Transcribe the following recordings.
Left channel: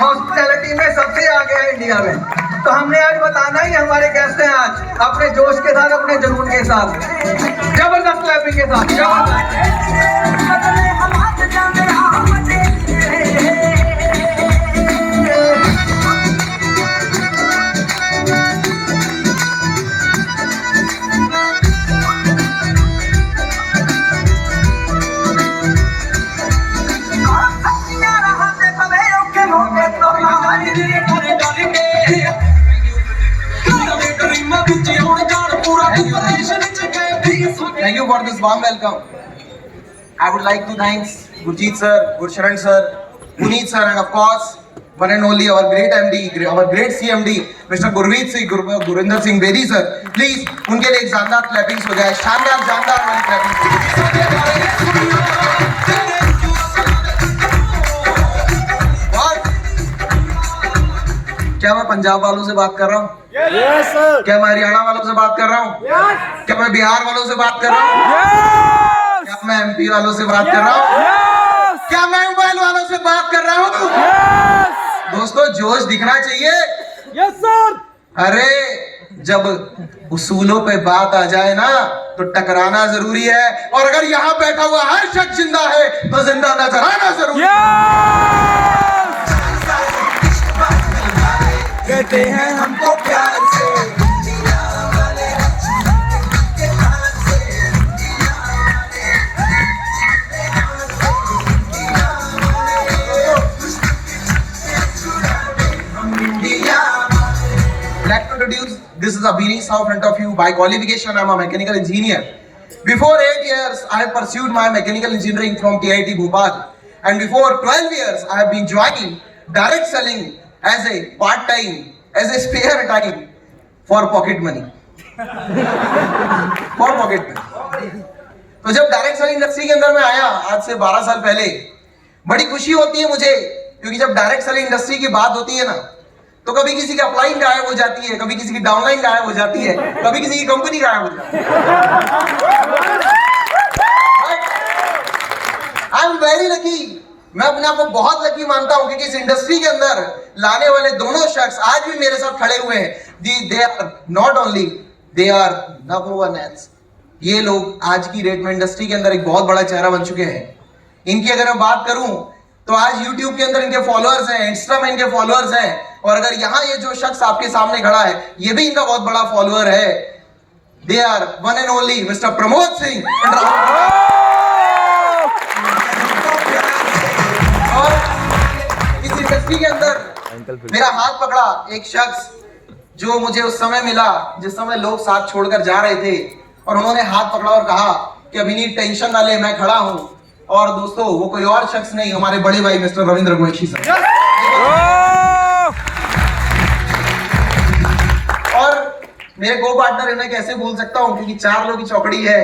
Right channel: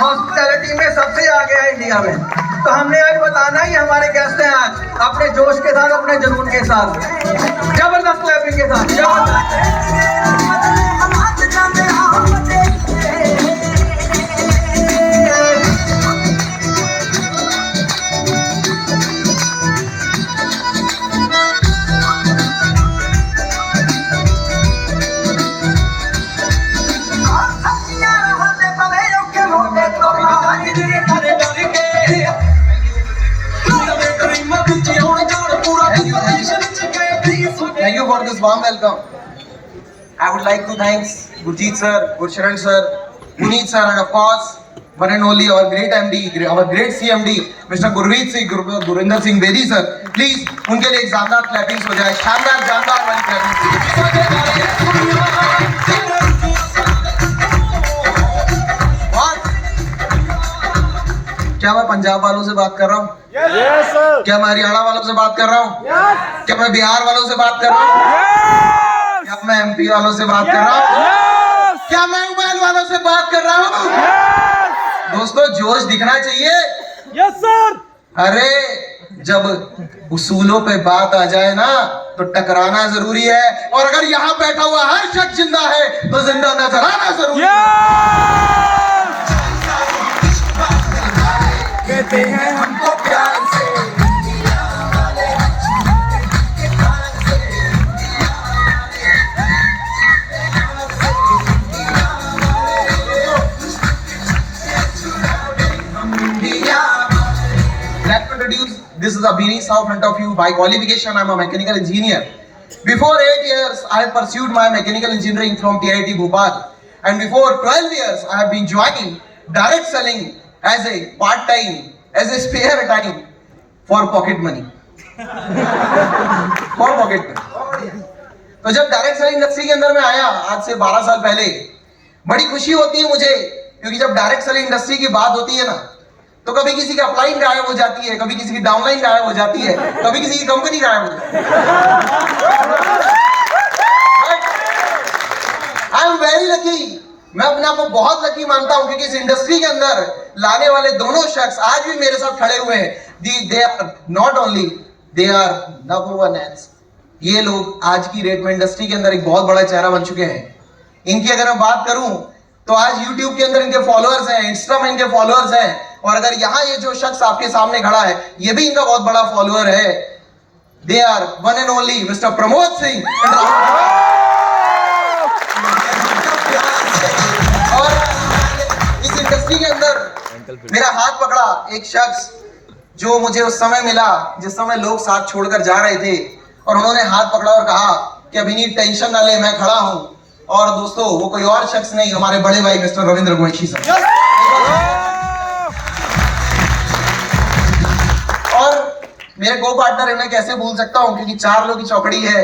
Hospitality में सबसे आगे है इंडिया में। तो हमने आज बताना ही हमारे गेस्ट हैं आज अपने जोश के साथ, अपने जुनून के साथ, जबरदस्त क्लैपिंग के साथ, जबरदस्त। Thank you for this warm welcome. I would like to thank Gurjeet sir, Gursharan sir, Puneet sir, and of course, one and only our great MD, our great CMD, Mr. Gurveet Singh, Gurinder Singh Bedi sir. Please, उनके लिए एक शानदार clappings हो जाए, शानदार जानदार वाली clappings. क्या मैं पंजाब वालों से बात कर रहा हूँ? Yes, sir. क्या मैं हरियाणा वालों से बात कर रहा हूँ? Yes. क्या मैं बिहार वालों से बात कर रहा हूँ? Yes. क्या मैं MP वालों से बात कर रहा हूँ? Yes. क्या मैं मोबाइल वालों से बात कर रहा हूँ? Yes. दोस्तों, जोश दिखना चाहिए। Yes, sir. अरे जब उसूलों पे बात आ जाए ना तो टकराना जरूरी है, और अगर यहाँ बैठा हुआ हर शख्स जिंदा है तो जिंदा नजर आना जरूरी है। कहते हैं हमको प्यार से Let me introduce, this is Abhini Sahu in front of you. By qualification, I am a mechanical engineer. Before 8 years, I have pursued my mechanical engineering from TIT Bhopal. And before 12 years, I have been joining direct selling as a part-time, as a spare time for pocket money. For pocket money. तो जब direct selling industry के अंदर मैं आया आज से 12 साल पहले, बड़ी खुशी होती है मुझे, क्योंकि जब डायरेक्ट सेलिंग इंडस्ट्री की बात होती है ना, तो कभी किसी की अपलाइन गायब हो जाती है, कभी किसी की डाउनलाइन गायब हो जाती है, कभी किसी की कंपनी गायब हो जाती है। आई एम वेरी लकी, मैं अपने आप को बहुत लकी मानता हूं, क्योंकि इस इंडस्ट्री के अंदर लाने वाले दोनों शख्स आज भी मेरे साथ खड़े हुए हैं। They are not only, they are number one hands. ये लोग आज की डेट में इंडस्ट्री के अंदर एक बहुत बड़ा चेहरा बन चुके हैं। इनकी अगर मैं बात करूं तो आज YouTube के अंदर इनके फॉलोअर्स हैं, इंस्टा में इनके फॉलोअर्स हैं, और अगर यहाँ ये जो शख्स आपके सामने खड़ा है ये भी इनका बहुत बड़ा फॉलोअर है। They are one and only mister Pramod Singh and Rahul. इस इंडस्ट्री के अंदर मेरा हाथ पकड़ा एक शख्स जो मुझे उस समय मिला जिस समय लोग साथ छोड़कर जा रहे थे, और उन्होंने हाथ पकड़ा और कहा कि अभी नहीं, टेंशन ना ले, मैं खड़ा हूं। और दोस्तों, वो कोई और शख्स नहीं, हमारे बड़े भाई मिस्टर रविंद्र गोयशी सर। और मेरे को पार्टनर, इन्हें कैसे भूल सकता हूं, क्योंकि 4 लोगों की चौकड़ी है।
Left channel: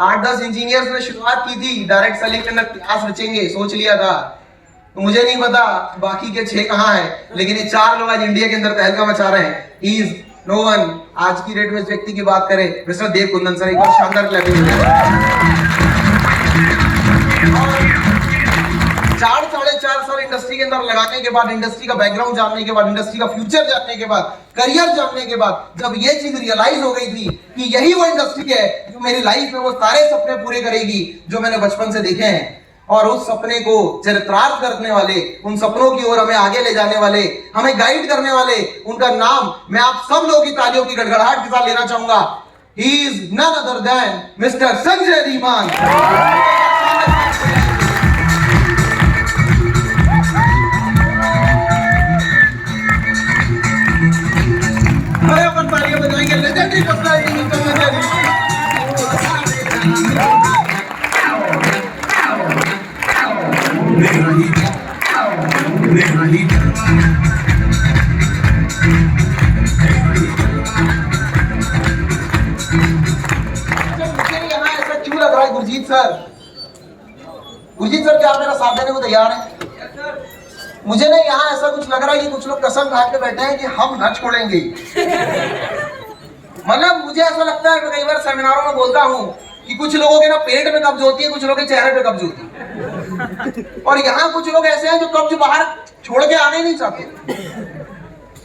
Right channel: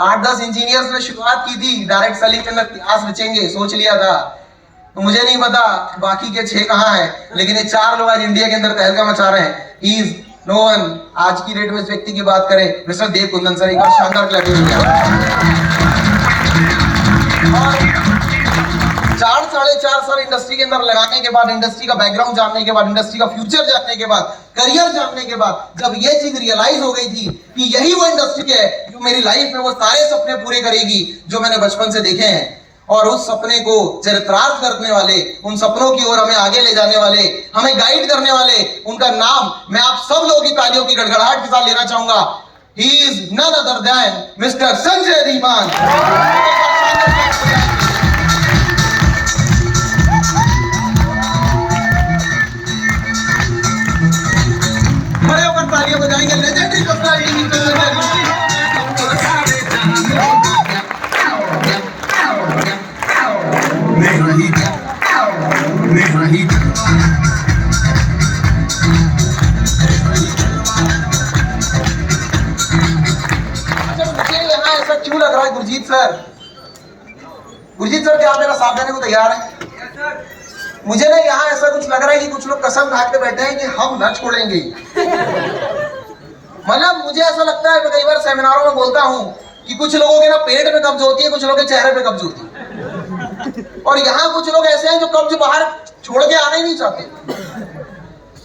8-10 इंजीनियर्स ने शुरुआत की थी, डायरेक्ट सेलिंग के अंदर इतिहास रचेंगे, सोच लिया था। तो मुझे नहीं पता बाकी के 6 कहां हैं, लेकिन ये 4 लोग आज इंडिया के अंदर तहलका मचा रहे हैं। He is no one. आज की डेट में इस व्यक्ति की बात करें, मिस्टर देव कुंदन सर। एक बार शानदार क्लैपिंग हो जाए। 4-4.5 साल इंडस्ट्री के अंदर लगाने के बाद, इंडस्ट्री का बैकग्राउंड जानने के बाद, इंडस्ट्री का फ्यूचर जानने के बाद, करियर जानने के बाद, जब ये चीज रियलाइज हो गई थी कि यही वो इंडस्ट्री है जो मेरी लाइफ में वो सारे सपने पूरे करेगी जो मैंने बचपन से देखे हैं, और उस सपने को चरितार्थ करने वाले, उन सपनों की ओर हमें आगे ले जाने वाले, हमें गाइड करने वाले, उनका नाम मैं आप सब लोगों की तालियों की गड़गड़ाहट के साथ लेना चाहूंगा। He is none other than mister Sanjay Dhiman. बड़े अपन तालियां बजाएंगे legendary personality mister Sanjay Dhiman. क्यों लग रहा है गुरजीत सर? गुरजीत सर, क्या आप मेरा साथ देने को तैयार हैं? मुझे ना यहाँ ऐसा कुछ लग रहा है कि कुछ लोग कसम खा के बैठे हैं कि हम न छोड़ेंगे। मतलब मुझे ऐसा लगता है कि कई बार सेमिनारों में बोलता हूँ कि कुछ लोगों के ना पेट में कब्ज होती है, कुछ लोगों के चेहरे पे कब्ज होती है। और यहाँ कुछ लोग ऐसे हैं जो कब्ज बाहर छोड़ के आने ही नहीं चाहते।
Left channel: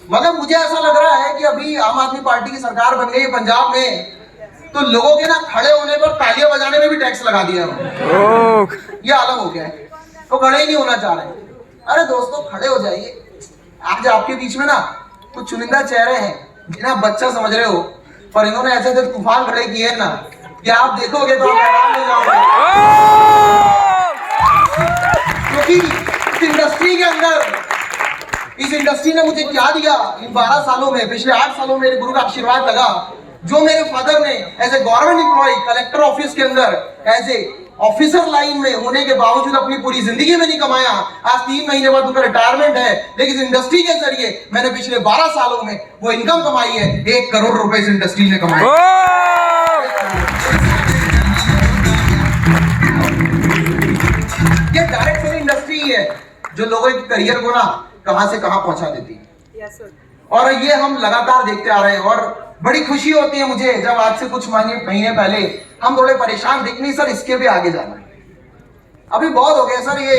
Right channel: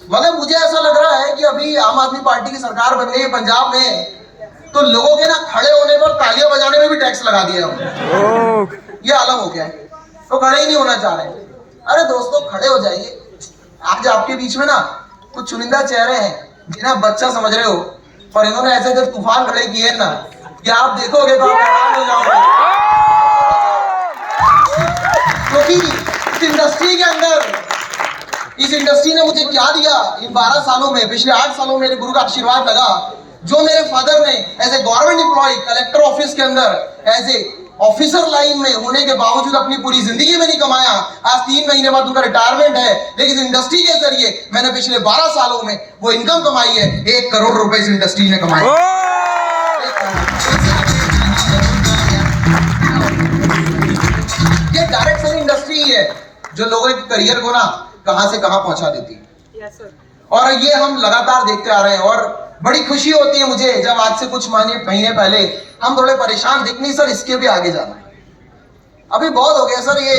मतलब मुझे ऐसा लग रहा है कि अभी आम आदमी पार्टी की सरकार बन गई है पंजाब में, तो लोगों के ना खड़े होने पर तालियां बजाने में भी टैक्स लगा दिया है। ये आलम हो गया है, तो खड़े ही नहीं होना चाह रहे। अरे दोस्तों खड़े हो जाइए। आज आपके बीच में ना कुछ चुनिंदा चेहरे हैं जिन्हें आप बच्चा समझ रहे हो, पर इन्होंने ऐसे ऐसे तूफान खड़े किए हैं ना कि आप देखोगे तो आप हैरान हो जाओगे। क्योंकि इस इंडस्ट्री के अंदर, इस इंडस्ट्री ने मुझे क्या दिया इन 12 सालों में, पिछले 8 सालों में मेरे गुरु का आशीर्वाद लगा। जो मेरे फादर ने as a government employee collector office के अंदर एज ए ऑफिसर लाइन में होने के बावजूद अपनी पूरी जिंदगी में नहीं कमाया, आज 3 महीने बाद उनका रिटायरमेंट है, लेकिन इस इंडस्ट्री के जरिए मैंने पिछले 12 सालों में वो इनकम कमाई है। 1 करोड़ रुपए इस इंडस्ट्री ने कमाए। ये डायरेक्ट सेलिंग इंडस्ट्री ही है जो लोगों के करियर को ना कहां से कहां पहुंचा देती है। और ये हम लगातार देखते आ रहे हैं और बड़ी खुशी होती है मुझे जब आज से कुछ महीने पहले हम थोड़े परेशान दिख नहीं सर इसके भी आगे जाना है, अभी बहुत हो गया सर, ये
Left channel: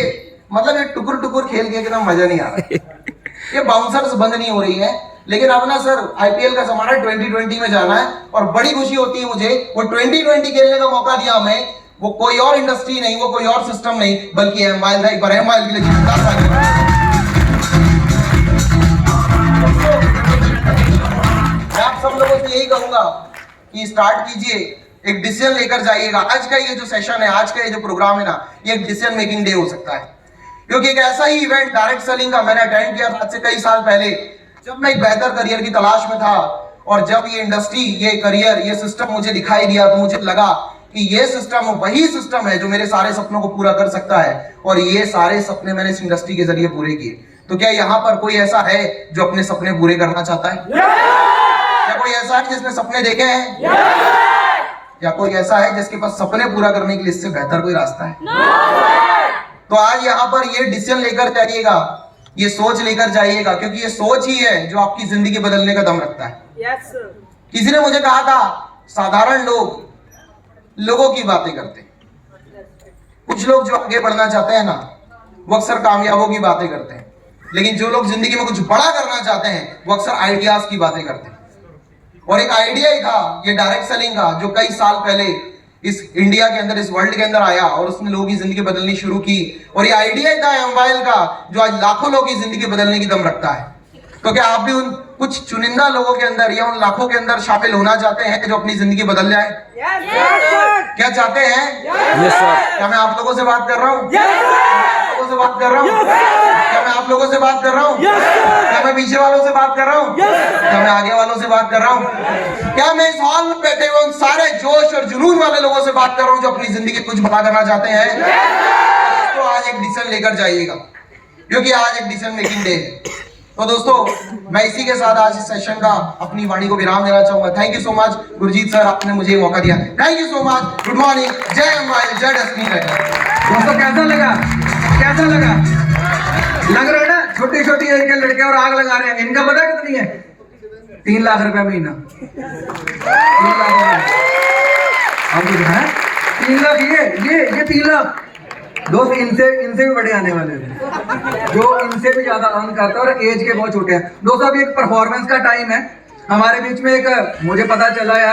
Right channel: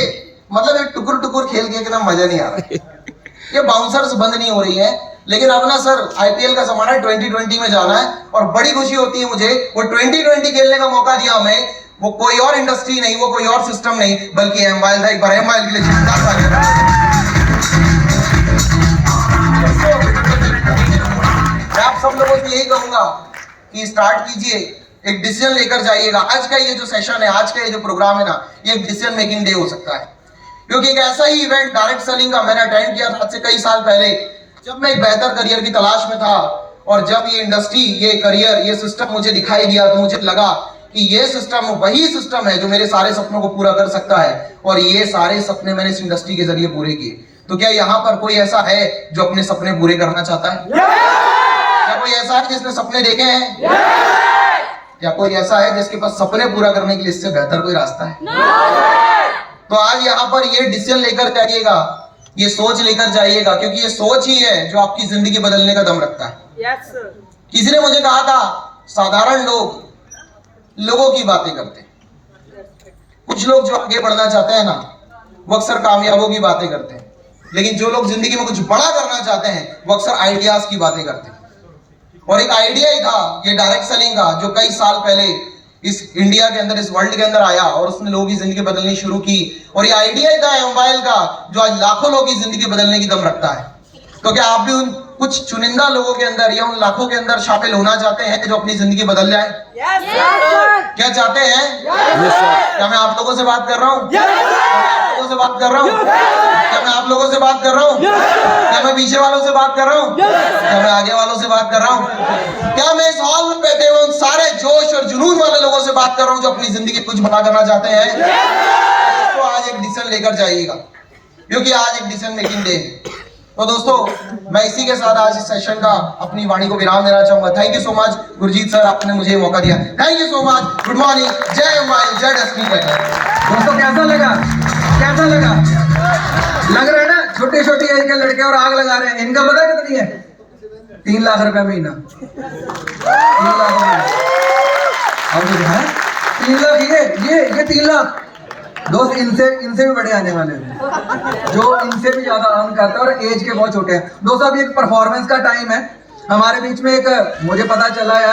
मतलब ये टुकुर टुकुर खेल के एकदम मजा नहीं आ रहा। ये बाउंसर्स बंद नहीं हो रही है, लेकिन अब ना सर आईपीएल का जमाना 2020 में जाना है और बड़ी खुशी होती है मुझे वो 2020 खेलने का मौका दिया हमें। वो कोई और इंडस्ट्री नहीं, वो कोई और सिस्टम नहीं, बल्कि एमआईएल था। एक बार एमआईएल के लिए मैं आप सब लोगों से यही कहूंगा कि स्टार्ट कीजिए, एक डिसीजन लेकर जाइएगा। आज का ये जो सेशन है, आज का ये जो प्रोग्राम है ना, ये एक डिसीजन मेकिंग डे हो सकता है, क्योंकि एक ऐसा ही इवेंट डायरेक्ट सेलिंग का मैंने अटेंड किया था आज से कई साल पहले, जब मैं एक बेहतर करियर की तलाश में था। और जब ये इंडस्ट्री, ये करियर, ये सिस्टम मुझे दिखाई दिया तो मुझे लगा कि ये सिस्टम वही सिस्टम है जो मेरे सारे सपनों को पूरा कर सकता है। और ये सारे सपने मैंने इस इंडस्ट्री के जरिए पूरे किए। तो क्या यहाँ पर कोई ऐसा है जो अपने सपने पूरे करना चाहता है? क्या कोई ऐसा है जिसने सपने देखे हैं? क्या कोई ऐसा है जिसके पास सपने पूरा करने के लिए इससे बेहतर कोई रास्ता है? तो आज यहाँ पर ये डिसीजन लेकर जाइएगा, ये सोच लेकर जाइएगा, क्योंकि ये सोच ही है जो आपकी जिंदगी बदलने का दम रखता है। किसी ने मुझे कहा था साधारण लोग लोगों की बातें करते हैं, कुछ लोग जो आगे बढ़ना चाहते हैं ना वो अक्सर कामयाबों की बातें करते हैं, लेकिन जो लोग जिंदगी में कुछ बड़ा करना चाहते हैं वो अक्सर आइडियाज की बातें करते हैं। और एक आइडिया ही था ये डायरेक्ट सेलिंग का, जो कई साल पहले इस इंडिया के अंदर, इस वर्ल्ड के अंदर आया और उसने लोगों की जिंदगी बदलनी शुरू की। और ये आइडिया ही था एमआईएल का, जो आज लाखों लोगों की जिंदगी बदलने की दम रखता है। तो क्या आप भी उन कुछ चुनिंदा लोगों के अंदर या उन लाखों के अंदर शामिल होना चाहते हैं जो अपनी जिंदगी बदल जाए? क्या चाहते हैं? क्या मैं आप लोगों से बात कर रहा हूँ? क्या मैं आप लोगों से बात कर रहा हूँ? क्या मैं पीछे वालों से बात कर रहा हूँ? क्या मैं आगे वालों से बात कर रहा हूँ? क्या मैं इस हॉल में बैठे हुए उन सारे जोश और जुनून वाले लोगों से बात कर रहा हूँ जो अपनी जिंदगी कुछ बड़ा करना चाहते हैं? तो आज एक डिसीजन लेकर जाइएगा, क्योंकि आज एक डिसीजन मेकिंग डे है। तो दोस्तों मैं इसी के साथ आज इस सेशन का अपनी वाणी को विराम देना चाहूंगा। Thank you so much Gurjeet sir, आपने मुझे मौका दिया। Thank you so much. Good morning. जय एमआईएल, जय डेस्टिनी। दोस्तों कैसा लगा? कैसा लगा? लग रहा है ना छोटी छोटी एज के लड़के और आग लगा रहे हैं। इनका पता कितनी है? 3 लाख रुपया महीना। 3 लाख। अब है 3 लाख। ये 3 लाख दोस्त इनसे भी बड़े आने वाले हैं, जो इनसे भी ज्यादा अर्न करते हैं और एज के बहुत छोटे हैं। दोस्तों अभी एक परफॉर्मेंस का टाइम है। हमारे बीच में एक, मुझे पता चला यार